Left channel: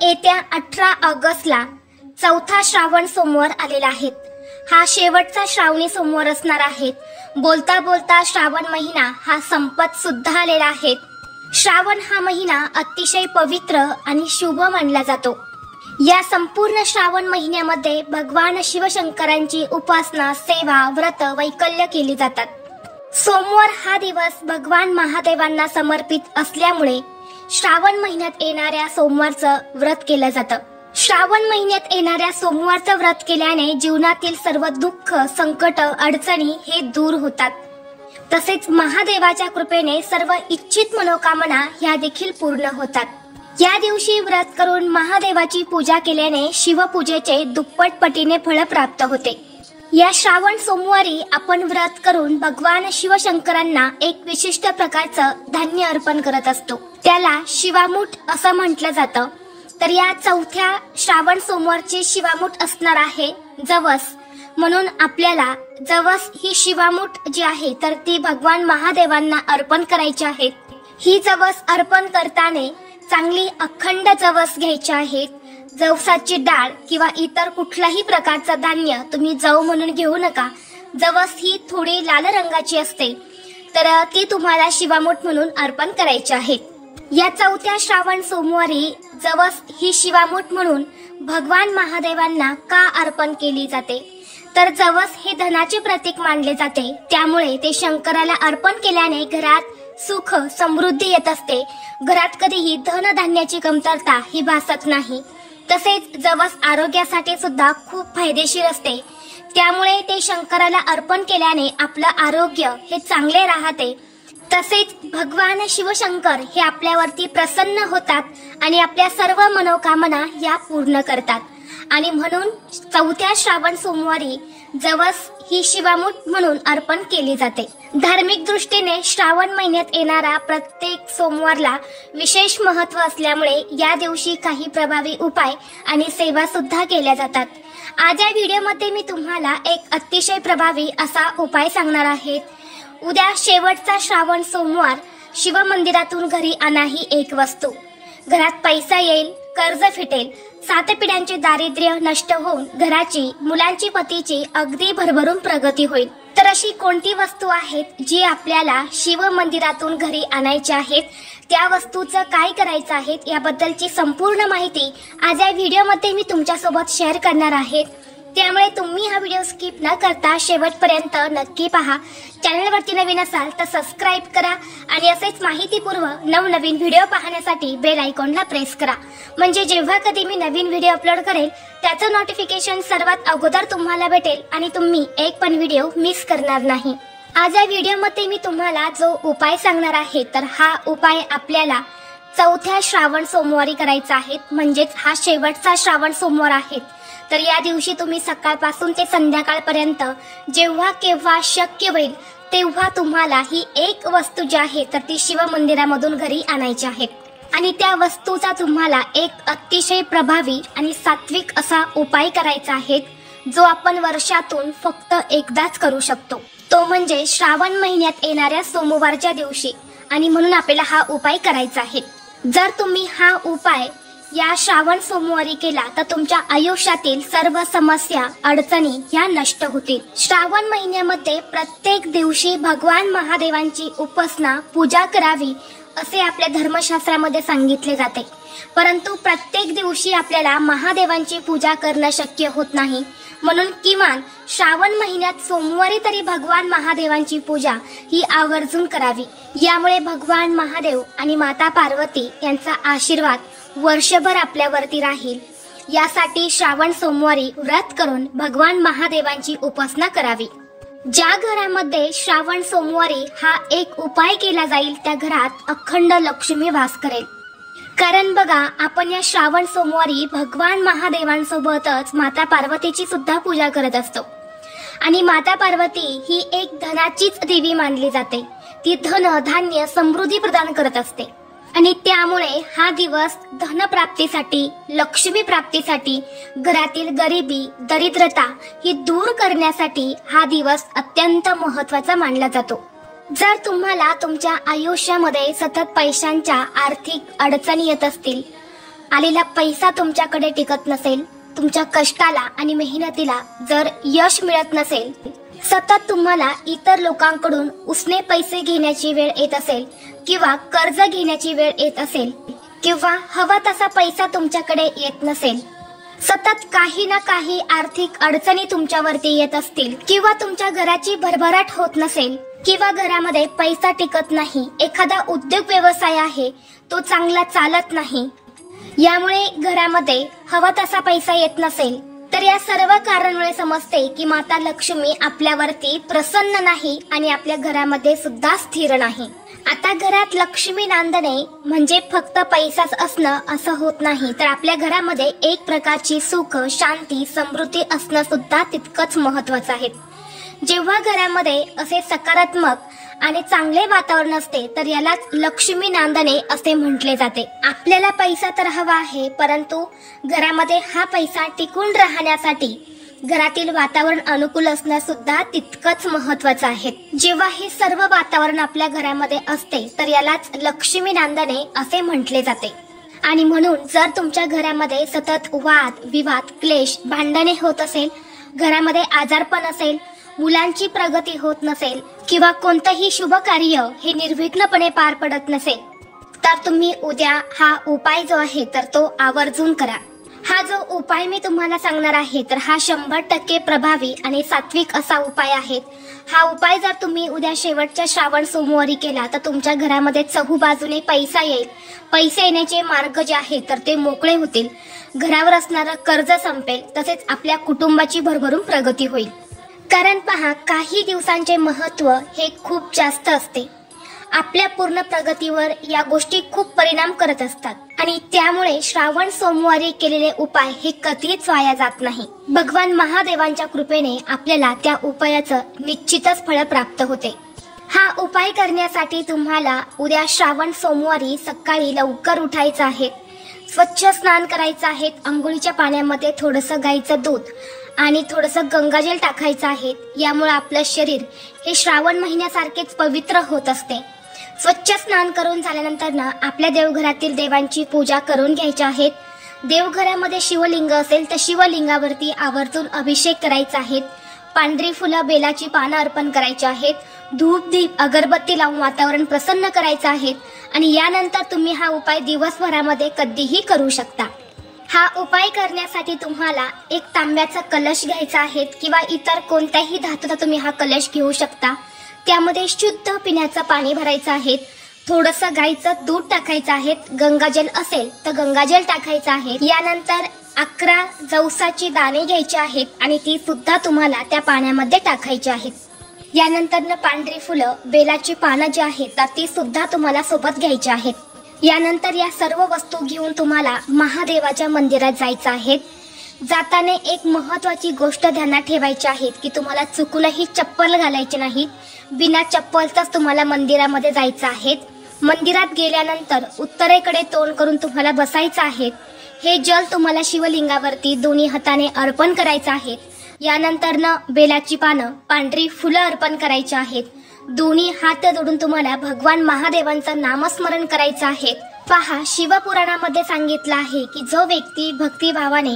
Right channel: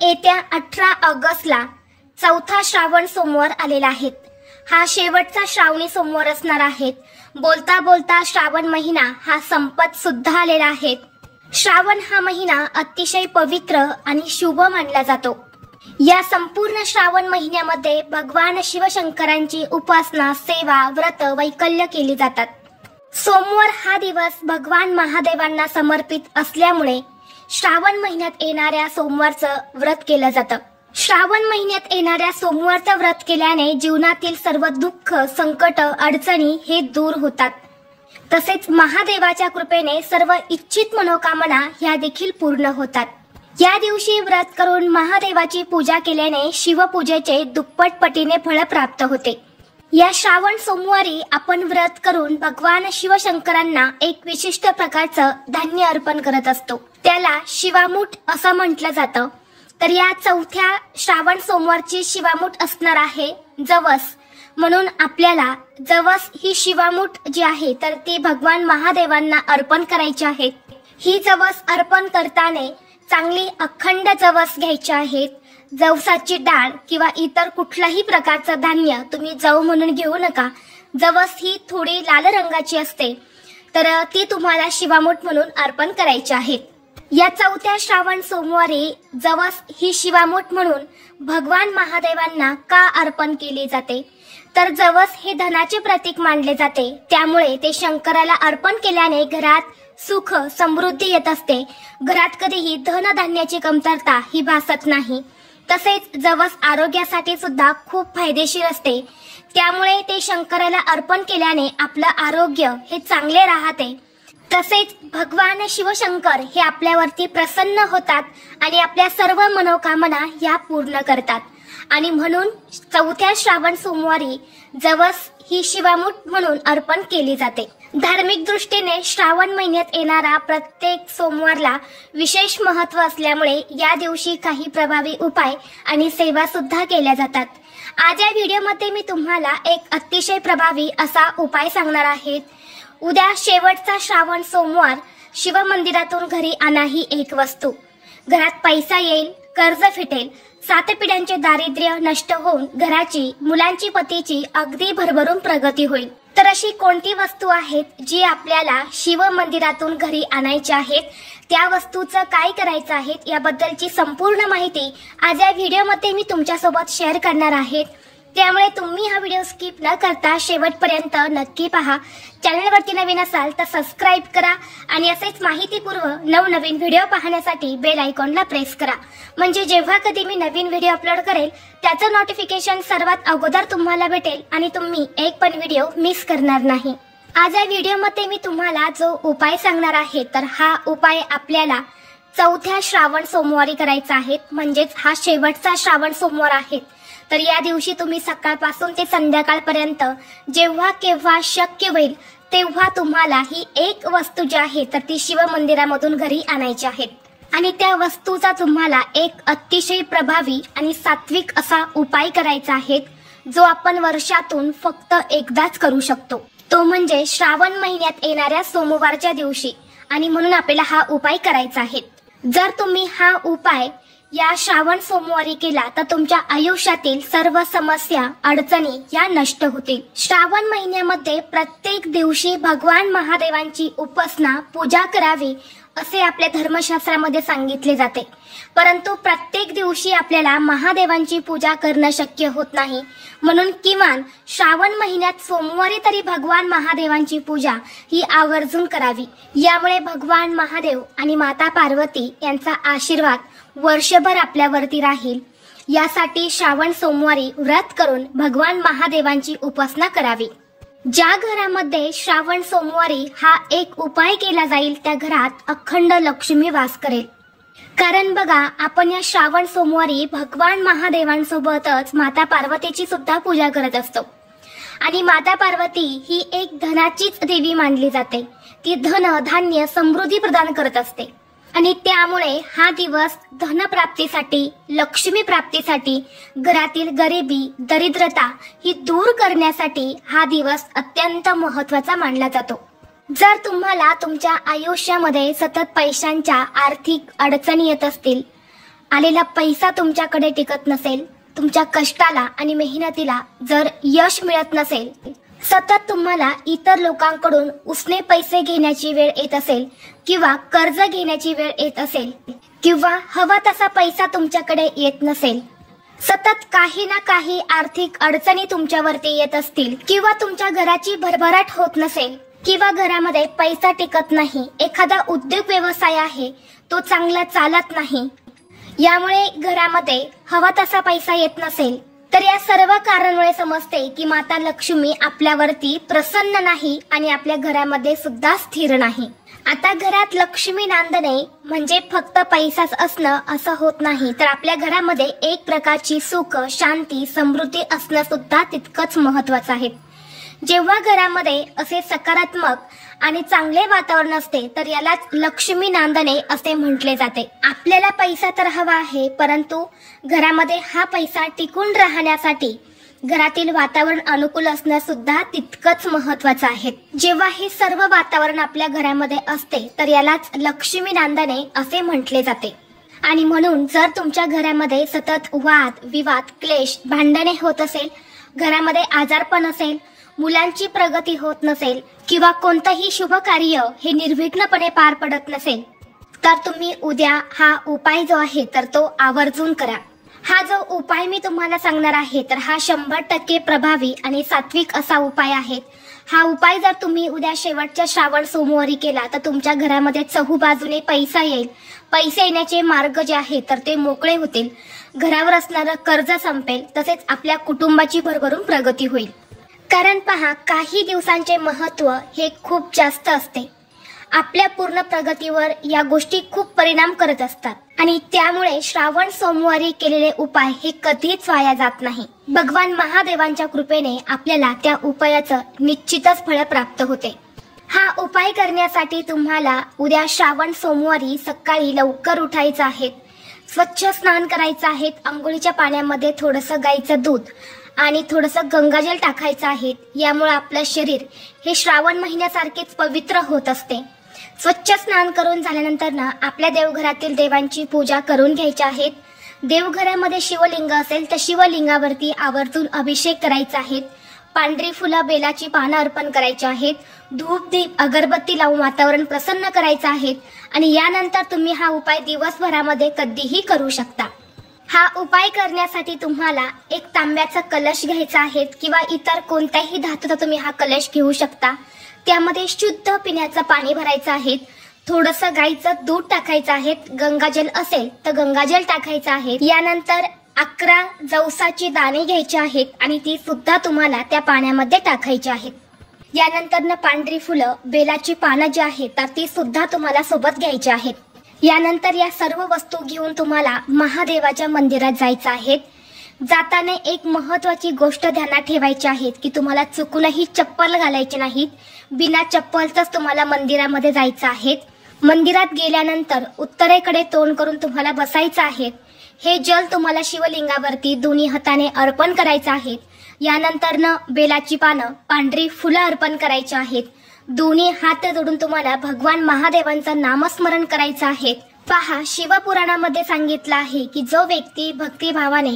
येत्या 18 ऑगस्टला चौथा श्रावण सोमवार आलेला आहे। हा शेवटचा श्रावणी सोमवार असणार आहे। बोलता बोलता श्रावण महिना हा संपत सुद्धा आलेला आहे। श्रावण हा महिना अतिशय पवित्र आणि शुभ मानला जातो। या संपूर्ण श्रावण महिन्यामध्ये भगवान शिवशंकरांची उपासना, सेवा, व्रत, वैकल्य केली जातात। सोमवार हा दिवस भगवान महादेवांना समर्पित असल्यामुळे श्रावण महिन्यात येणाऱ्या सोमवारचं व्रत केलं जातं। श्रावण महिन्यात येणाऱ्या सोमवारचं व्रत केल्याने जीवनातील सर्व दुःख, संकट, अडचणी हे दूर होतात। तसेच महादेवाच्या कृपेने सर्व इच्छित मनोकामना ह्या देखील पूर्ण होतात। या दिवशी व्रत करून महादेवाची पूजा केल्याने शिवपूजेचे दुप्पट पटीने फळ प्राप्त होते। या श्रावण सोमवारी आपण व्रत करून भगवान शिवशंकरांना एक विशिष्ट प्रकारचं धान्य अर्पण करत असतो। त्याला शिवामूठ असं म्हटलं जातं। तर या चौथ्या श्रावण सोमवारची शिवामूठ असणार आहे जवस। म्हणून आपल्याला जवस ही शिवामूठ जी आहे तर ती भगवान महादेवांना अर्पण करायची आहे। ही जवस अर्पण करताना चांगली अखंड जवस घ्यायची आहे। जवसाची डाळ किंवा इतर कुठल्याही प्रकारचं धान्य तुम्ही जव म्हणून घेऊ नका। जवस ही थोडी लाल रंगाची असते, तर ती तुम्हाला शिवामूठ म्हणून अर्पण करायची आहे। या चौथ्या श्रावण सोमवारी जवस ही शिवामूठ म्हणून भगवान महादेवांना का अर्पण केली जाते, तर जवस हे धनाचे प्रतीक मानले जाते। त्यामुळे ते शंकराला अर्पण केल्याने घरात सुख, समृद्धी येत असते। घरात कधीही धन धान्याची कमतरता ही भासत नाही। तसेच जवस आरोग्यासाठी सुद्धा खूप फायदेशीर असते। त्यामुळे ते शंकराला अर्पण केल्याने आपलं आरोग्य हे चांगले राहते। तसेच भगवान शिवशंकर हे आपल्यावरती प्रसन्न होतात आणि आपल्या सर्व मनोकामना या पूर्ण करतात। आणि म्हणून चौथ्या श्रावण सोमवारी जवस ही शिवामूठ म्हणून अर्पण केली जाते। धार्मिक दृष्टीने श्रावण महिन्यात येणारा प्रत्येक सोमवारला विशेष महत्त्व असल्यामुळे या दिवशी काही प्रभावी उपाय आणि सेवा सुद्धा केल्या जातात। आज या व्हिडिओमध्ये मी तुम्हाला एक अतिशय प्रभावी असा उपाय सांगणार आहे। उद्या शेवटचा श्रावण सोमवार शिवमंदिरातून घरी आणा ही एक वस्तू। घरात पैसा येईल, कर्ज फिटेल, 7 पिढ्यांचे दारिद्र्य नष्ट होऊन घराची, मुलांची, पतीची अगदी भरभरून प्रगती होईल। तर अशी कोणती वस्तू आहेत जी आपल्याला शिव मंदिरातून घरी आणायची आहेत, त्या वस्तूचं काय करायचं आहे याबद्दलची संपूर्ण माहिती आज या व्हिडिओमध्ये मी तुमच्यासोबत शेअर करणार आहे। त्यामुळे तुम्ही हा व्हिडिओ स्किप न करता शेवटपर्यंत नक्की पहा। चॅनलवरती नवीन असाल तर सबस्क्राइब करा आणि असेच माहितीपूर्ण नवनवीन व्हिडिओ पाहण्यासाठी बेल आयकॉनला प्रेस करा। म्हणजे जेव्हा कधी मी नवीन व्हिडिओ अपलोड करेल त्याचं नोटिफिकेशन सर्वात अगोदर तुम्हाला भेटेल आणि तुम्ही एक पण व्हिडिओ मिस करणार नाही। आज या व्हिडिओमध्ये मी तुम्हाला जो उपाय सांगणार आहे तर हा उपाय आपल्याला चौथ्या श्रावण सोमवारी करायचा आहे। म्हणजेच हा शेवटचा श्रावण सोमवार आहे। तर या दिवशी तुम्ही सकाळपासून ते संध्याकाळपर्यंत जेव्हा केव्हा शक्य होईल तेव्हा तुम्हाला ही एक वस्तू जी आहे तर ती शिव मंदिरामधून घरी आणायची आहे। आणि त्या वस्तूचा तुम्हाला एक अतिशय प्रभावी आणि सात्विक असा उपाय करायचा आहे, जो आपण वर्षातून फक्त एकदाच करू शकतो। तो म्हणजे श्रावण महिन्यात येणाऱ्या सोमवारच्या दिवशी। आणि म्हणून आपल्याला हा उपाय करायचा आहे। जर तुम्ही हा उपाय या श्रावण सोमवारी केला तर तुमच्या आयुष्यातील सर्व समस्या, अडचणी या नष्ट होतील। श्रावण महिन्यामध्ये प्रत्येक दिवशी भगवान महादेवांची उपासना, पूजा करावी असे आपल्या धर्मशास्त्रामध्ये सांगितले जाते। परंतु प्रत्येक दिवशी आपल्याला महादेवांची पूजा करणं शक्य होत नाही। म्हणून किमान श्रावण महिन्यात सोमवारी तरी भगवान महादेवांची पूजा ही आवर्जून करावी। यामुळे भगवान महादेव आणि माता पार्वती यांचा आशीर्वाद वर्षभर आपल्यावरती राहील। यासाठी श्रावण सोमवारी व्रत करून भगवान महादेवांची उपासना करावी। ज्या घरामध्ये श्रावण सोमवारी हा एक उपाय केला जाईल त्या घरात अखंड लक्ष्मी वास करेल। कारण बघा, आपण या श्रावण सोमवारी भगवान महादेवांसोबतच माता पार्वतीची सुद्धा पूजा करत असतो। आणि माता पार्वती ही एक धनाचीच देवी मानली जाते। ती धन, धान्य, समृद्धी प्रदान करत असते। आणि त्यामुळे हा दिवस धनप्राप्तीसाठी, लक्ष्मी प्राप्तीसाठी, घरातील गरिबी, दरिद्रता ही दूर करण्यासाठी हा दिवस अत्यंत महत्त्वाचा मानला जातो। जर तुम्हाला तुमच्या आयुष्यामध्ये सतत पैशांच्या आर्थिक अडचणी येत असतील, आलेला पैसा तुमच्याकडे टिकत नसेल, तुमच्या कष्टाला आणि मेहनतीला जर यश मिळत नसेल, सतत तुम्हाला इतर लोकांकडून उसने पैसे घेण्याची वेळ येत असेल किंवा कर्ज घेण्याची वेळ येत असेल किंवा हवा तसा पैसा तुमच्याकडे येत नसेल, सतत काही ना काही आर्थिक अडचणी तुमच्यावरती येत असतील किंवा तुमच्या घराची भरभराट होत नसेल किंवा घरामध्ये पैसा टिकत नाही, एखादा उद्योग व्यवसाय आहे तो चांगला चालत नाही, यामुळे घरामध्ये हवा तसा पैसा येत नसेल, तर या सर्व कारणांमुळे समजते की माता लक्ष्मी आपल्यावरती प्रसन्न नाही आणि आपल्या घरामध्ये सुद्धा स्थिर नाही। आता घरात लक्ष्मी नांदणे म्हणजे फक्त पैसाच असणं असं होत नाही, तर आपल्या घरामध्ये एक प्रकारची सुख, शांती, समृद्धी असणं सुद्धा तितकंच महत्वाचं आहे। जेव्हा घरामध्ये असे सकारात्मक आणि चांगले वातावरण असते तर यालाच लक्ष्मी नांदणे असे म्हटले जाते। आपल्याला पैसा तर हवा आहे, परंतु घरामध्ये हा पैसा टिकून राहण्यासाठी घरातील वातावरण अनुकूल असणं सुद्धा तितकंच महत्वाचं आहे। जेव्हा हे सर्व वातावरण आपल्या घरामध्ये असते तर यालाच लक्ष्मी नांदणे असे म्हटले जाते। आणि म्हणून जर तुमच्या घरामध्ये सतत वाद विवाद, क्लेश, भांडणे होत असेल, घरामध्ये आजारपण असेल, मुलांची प्रगती होत नसेल किंवा कोणतंही शुभ कार्य हे निर्विघ्नपणे पार पडत नसेल, तर तुम्ही उद्या हा उपाय जो आहे तर तो आवर्जून करा। हा जो उपाय मी तुम्हाला सांगणार आहे तर हा 100% प्रभावी आणि सात्विक असा उपाय आहे। हा उपाय जर तुम्ही उद्या शेवटच्या श्रावण सोमवारी केला तर तुमच्या घरामध्ये चहूबाजूने पैसा येईल, पैसे येण्याचे मार्ग जे आहेत तर ते मोकळे होतील, घरावर असणारं कर्ज संपेल, तसेच आपल्या कुटुंबाची भरभरून प्रगती होईल। कारण पहा, काही दिवसांचे महत्व हे खूप जास्त असते, आपल्या पूर्ण प्रगतीवर या गोष्टी खूप परिणाम करत असतात आणि त्यामुळे श्रावण सोमवारी केलेले उपाय हे कधीच वाया जात नाही। भगवान महादेवांच्या कृपेने आपल्याला त्या उपायाचं निश्चितच फळ प्राप्त होते। हा उपाय करण्यासाठी तुम्हाला उद्या श्रावण सोमवारी सकाळी लवकर उठायचं आहे, स्वच्छ स्नान करायचं आहे, अंघोळीच्या पाण्यामध्ये थोडंसं गाईचं दूध आणि थोडंसं गंगाजल टाकायचं आहे, यामुळे आपलं शरीर हे श्रावण महिन्यासारखेच पवित्र होत असते। स्वच्छ स्नान करून झाल्यानंतर ना आपल्या देवघरातील देवांची पूजा करून घ्यायची आहे। देवघरामध्ये शिवलिंग असेल तर शिवलिंगावरती आवर्जून अभिषेक करायचा आहे, पांढरी फुलं, बेलाची पानं अर्पण करायची आहेत, धूप दीप अगरबत्ती लावून वातावरण प्रसन्न करायचं आहे आणि यानंतर तुम्ही हा उपाय दिवसभरामध्ये कधीही करू शकता। हा उपाय करण्यासाठी तुम्हाला एक तांब्याचा कलश घ्यायचा आहे किंवा इतर कोणत्याही धातूचा तुम्ही हा कलश घेऊ शकता। त्यामध्ये शुद्ध पिण्याचं पाणी भरायचं आहे, थोडंसं गाईचं दूध टाकायचं आहे, गंगाजल असेल तर गंगाजल टाकायचं आहे। यानंतर 11 जवसाची दाणे घ्यायची आहेत आणि ती सुद्धा तुम्हाला त्या पाण्यामध्ये टाकायची आहेत। यानंतर पांढरी फुलं, बेलाची पानं जी आहेत तर ती सुद्धा तुम्हाला सोबत घ्यायची आहेत। यानंतर या सर्व वस्तू घेऊन तुम्हाला महादेवाच्या मंदिरात जायचं आहे। जाताना एक महत्वाची गोष्ट ध्यानात ठेवायची आहे की तुम्हाला चुकूनही चप्पल घालायची नाही, बिना चप्पलचाच तुम्हाला मंदिरामध्ये जायचं आहे। मंदिरात गेल्यानंतर उत्तरेकडे तोंड करून तुम्हाला बसायचं आहे। हे जल तुम्हाला शिवलिंगावरती दोन्ही हाताने अर्पण करायचं आहे। यानंतर बेलाची पानं, पांढरी फुलं अर्पण करायची आहेत। दोन्ही हात जोडून तुम्हाला भगवान महादेवांचं नामस्मरण करायचं आहे। पहा, शिवपुराणामध्ये सांगितलं आहे की जो व्यक्ती भक्तिभावाने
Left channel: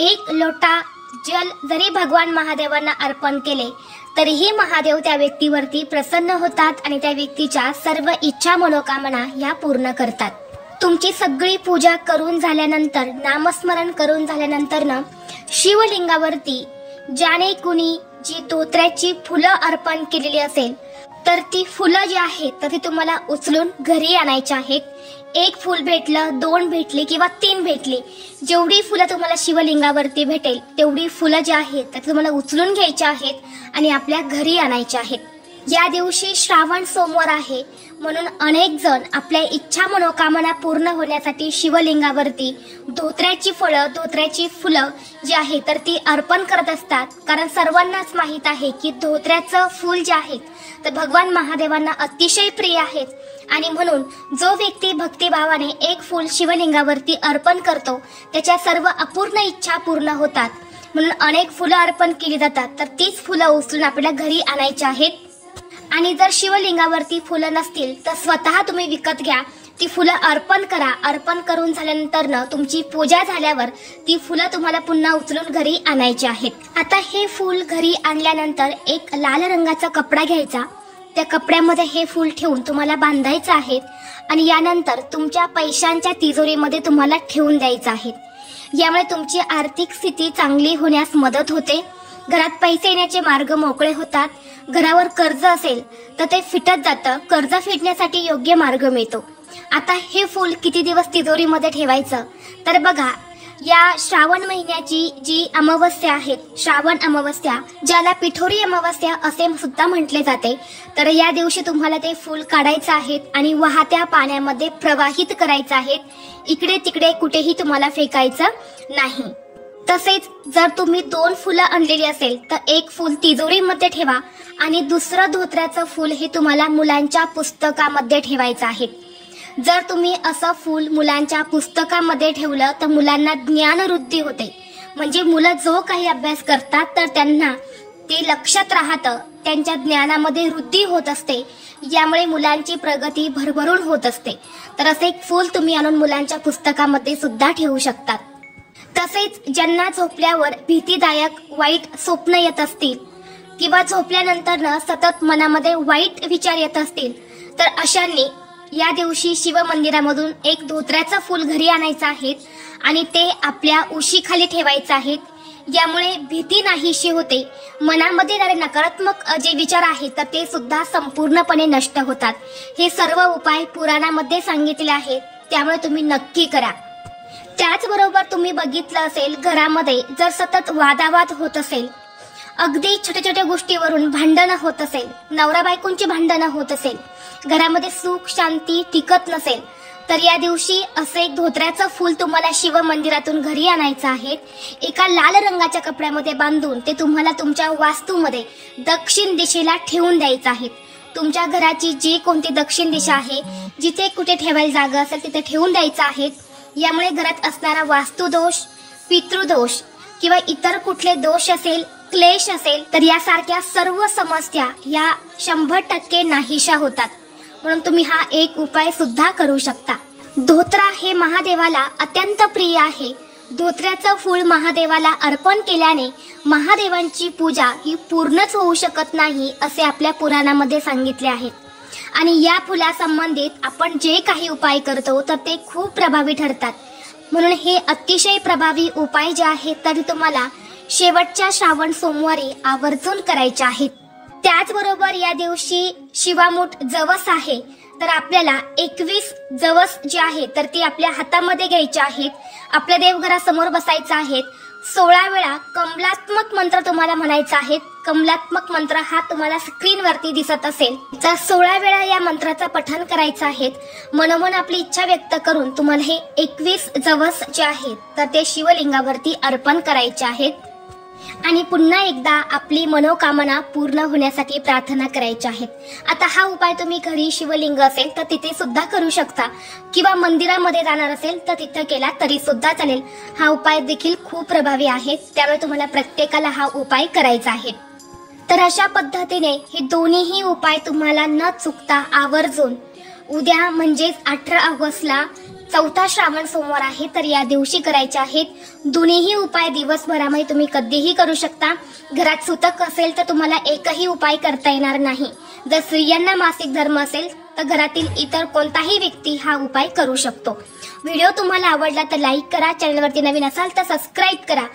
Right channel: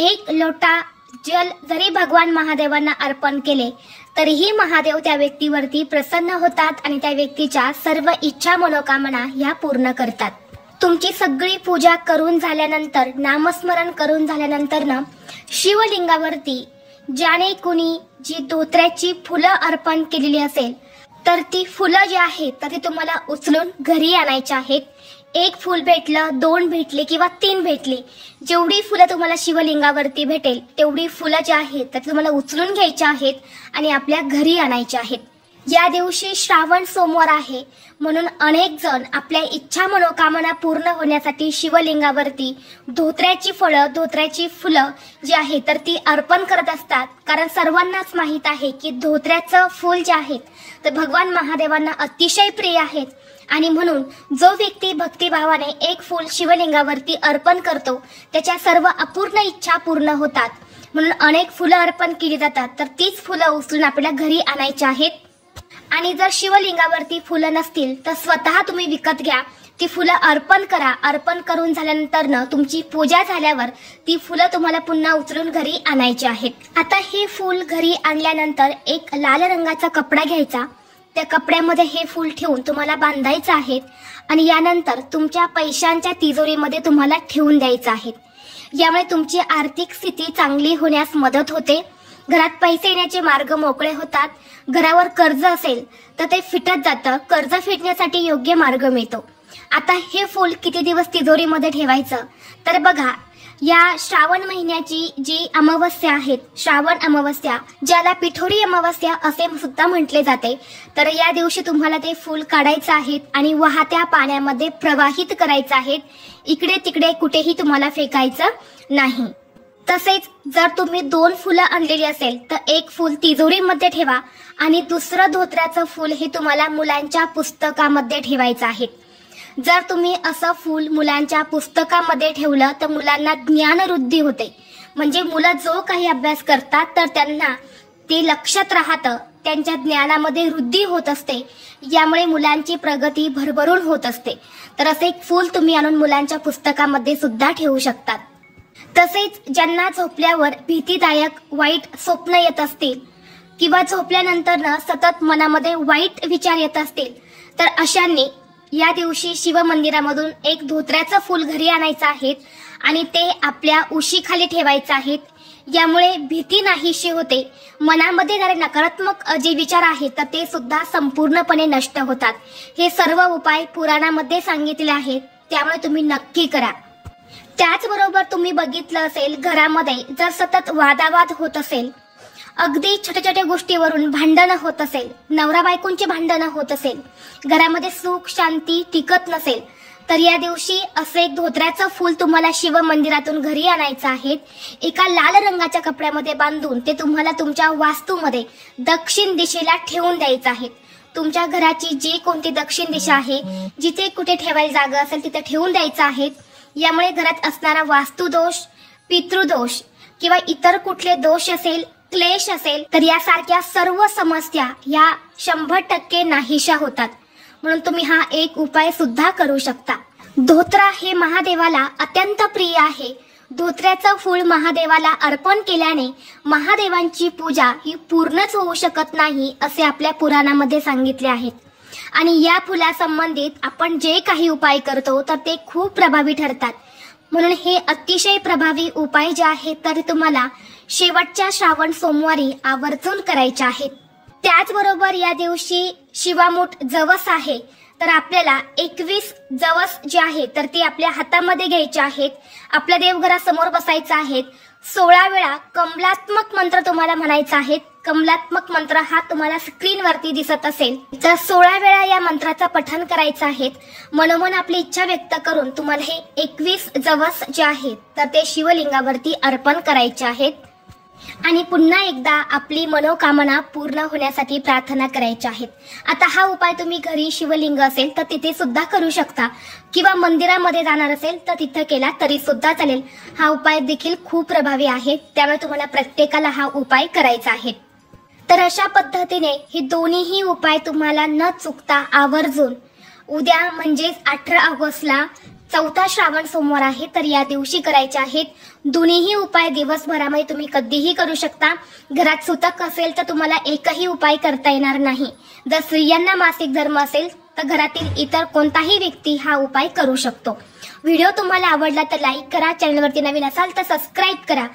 1 लोटा जल जरी भगवान महादेवांना अर्पण केले तरीही महादेव त्या व्यक्तीवरती प्रसन्न होतात आणि त्या व्यक्तीच्या सर्व इच्छा मनोकामना या पूर्ण करतात। तुमची सगळी पूजा करून झाल्यानंतर, नामस्मरण करून झाल्यानंतर शिवलिंगावरती ज्याने कुणी जी धोत्र्याची फुलं अर्पण केलेली असेल तर ती फुलं जी आहेत तर ती तुम्हाला उचलून घरी आणायची आहेत। 1 फूल भेटलं, 2 भेटले किंवा 3 भेटले, जेवढी फुलं तुम्हाला शिवलिंगावरती भेटेल तेवढी फुलं जी आहेत तर तुम्हाला उचलून घ्यायची आहेत आणि आपल्या घरी आणायची आहेत। या दिवशी श्रावण सोमवार आहे म्हणून अनेक जण आपल्या इच्छा मनोकामना पूर्ण होण्यासाठी शिवलिंगावरती धोत्र्याची फळं, धोत्र्याची फुलं जी आहेत तर ती अर्पण करत असतात। कारण सर्वांनाच माहित आहे की धोत्र्याचं फूल जे आहे तर भगवान महादेवांना अतिशय प्रिय आहेत आणि म्हणून जो व्यक्ती भक्तिभावाने 1 फूल शिवलिंगावरती अर्पण करतो त्याच्या सर्व अपूर्ण इच्छा पूर्ण होतात। म्हणून अनेक फुलं अर्पण केली जातात, तर तीच फुलं उचलून आपल्या घरी आणायची आहेत। आणि जर शिवलिंगावरती फुलं नसतील तर स्वतः तुम्ही विकत घ्या, ती फुलं अर्पण करा. अर्पण करून झाल्यानंतर ना तुमची पूजा झाल्यावर ती फुलं तुम्हाला पुन्हा उचलून घरी आणायची आहेत. आता हे फूल घरी आणल्यानंतर एक लाल रंगाचा कपडा घ्यायचा. त्या कपड्यामध्ये हे फूल ठेवून तुम्हाला बांधायचं आहे आणि यानंतर तुमच्या पैशांच्या तिजोरीमध्ये तुम्हाला ठेवून द्यायचं आहे. यामुळे तुमची आर्थिक स्थिती चांगली होण्यास मदत होते. घरात पैसे येण्याचे मार्ग मोकळे होतात. घरावर कर्ज असेल तर ते फिटत जातं. कर्ज फिटण्यासाठी योग्य मार्ग मिळतो. आता हे फूल किती दिवस तिजोरीमध्ये ठेवायचं तर बघा, या श्रावण महिन्याची जी अमावस्या आहे, श्रावण अमावस्या, ज्याला पिठोरी अमावस्या असे सुद्धा म्हटले जाते, तर या दिवशी तुम्हाला ते फूल काढायचं आहे आणि वाहत्या पाण्यामध्ये प्रवाहित करायचं आहे. इकडे तिकडे कुठेही तुम्हाला फेकायचं नाही. तसेच जर तुम्ही 2 फुलं आणलेली असेल तर एक फूल तिजोरीमध्ये ठेवा आणि दुसरं धोत्र्याचं फूल हे तुम्हाला मुलांच्या पुस्तकामध्ये ठेवायचं आहे. जर तुम्ही असं फूल मुलांच्या पुस्तकामध्ये ठेवलं तर मुलांना ज्ञानवृद्धी होते. म्हणजे मुलं जो काही अभ्यास करतात तर त्यांना ते लक्षात राहतं, त्यांच्या ज्ञानामध्ये वृद्धी होत असते. यामुळे मुलांची प्रगती भरभरून होत असते. तर असे एक फूल तुम्ही आणून मुलांच्या पुस्तकामध्ये सुद्धा ठेवू शकतात. तसेच ज्यांना झोपल्यावर भीतीदायक वाईट स्वप्न येत असतील किंवा झोपल्यानंतर सतत मनामध्ये वाईट विचार येत असतील तर अशांनी या दिवशी शिवमंदिरामधून एक धोत्र्याचं फूल घरी आणायचं आहे आणि ते आपल्या उशीखाली ठेवायचं आहे. यामुळे भीती नाहीशी होते. मनामध्ये येणारे नकारात्मक जे विचार आहेत तर ते सुद्धा संपूर्णपणे नष्ट होतात. हे सर्व उपाय पुराणामध्ये सांगितले आहेत, त्यामुळे तुम्ही नक्की करा. त्याचबरोबर तुम्ही बघितलं असेल, घरामध्ये जर सतत वादावाद होत असेल, अगदी छोट्या छोट्या गोष्टीवरून भांडणं होत असेल, नवरा बायकोंची भांडणं होत असेल, घरामध्ये सुख शांती टिकत नसेल, तर या दिवशी असे एक धोत्र्याचं फूल तुम्हाला शिव मंदिरातून घरी आणायचं आहे. एका लाल रंगाच्या कपड्यामध्ये बांधून ते तुम्हाला तुमच्या वास्तूमध्ये दक्षिण दिशेला ठेवून द्यायचं आहे. तुमच्या घराची जी कोणती दक्षिण दिशा आहे, जिथे कुठे ठेवायला जागा असेल तिथे ठेवून द्यायचं आहे. यामुळे घरात असणारा वास्तुदोष, पितृदोष किंवा इतर कुठले दोष असेल, क्लेश असेल तर यासारख्या सर्व समस्या या 100% नाहीशा होतात. म्हणून तुम्ही हा एक उपाय सुद्धा करू शकता. धोत्रा हे महादेवाला अत्यंत प्रिय आहे. धोत्र्याचं फूल महादेवाला अर्पण केल्याने महादेवांची पूजा ही पूर्णच होऊ शकत नाही असे आपल्या पुराणामध्ये सांगितले आहे. आणि या फुलासंबंधित आपण जे काही उपाय करतो तर ते खूप प्रभावी ठरतात. म्हणून हे अतिशय प्रभावी उपाय जे आहेत तरी तुम्हाला शेवटच्या श्रावण सोमवारी आवर्जून करायचे आहेत. त्याचबरोबर या दिवशी शिवामूठ जवस आहे, तर आपल्याला 21 जवस जे आहे तर ती आपल्या हातामध्ये घ्यायची आहेत. आपल्या देवघरासमोर बसायचं आहे. 16 वेळा कमलात्मक मंत्र तुम्हाला म्हणायचा आहे. कमलात्मक मंत्र हा तुम्हाला स्क्रीनवरती दिसत असेल तर 16 वेळा या मंत्राचा पठण करायचं आहे. मनोमन आपली इच्छा व्यक्त करून तुम्हाला हे 21 जवस जे आहेत तर ते शिवलिंगावरती अर्पण करायचे आहेत. आणि पुन्हा एकदा आपली मनोकामना पूर्ण होण्यासाठी प्रार्थना करायची आहे. आता हा उपाय तुम्ही घरी शिवलिंग असेल तर तिथे सुद्धा करू शकता किंवा मंदिरामध्ये जाणार असेल तर तिथे केला तरी सुद्धा चालेल. हा उपाय देखील खूप प्रभावी आहे, त्यामुळे तुम्हाला प्रत्येकाला हा उपाय करायचा आहे. तर अशा पद्धतीने ही दोन्हीही उपाय तुम्हाला न चुकता आवर्जून उद्या म्हणजेच 18 ऑगस्टला 4था श्रावण सोमवार आहे तर या दिवशी करायचे आहेत. दोन्हीही उपाय दिवसभरामध्ये तुम्ही कधीही करू शकता. घरात सुतक असेल तर तुम्हाला एकही उपाय करता येणार नाही. जर स्त्रियांना मासिक धर्म असेल तर घरातील इतर कोणताही व्यक्ती हा उपाय करू शकतो. व्हिडिओ तुम्हाला आवडला तर लाईक करा. चॅनलवरती नवीन असाल तर सबस्क्राईब करा.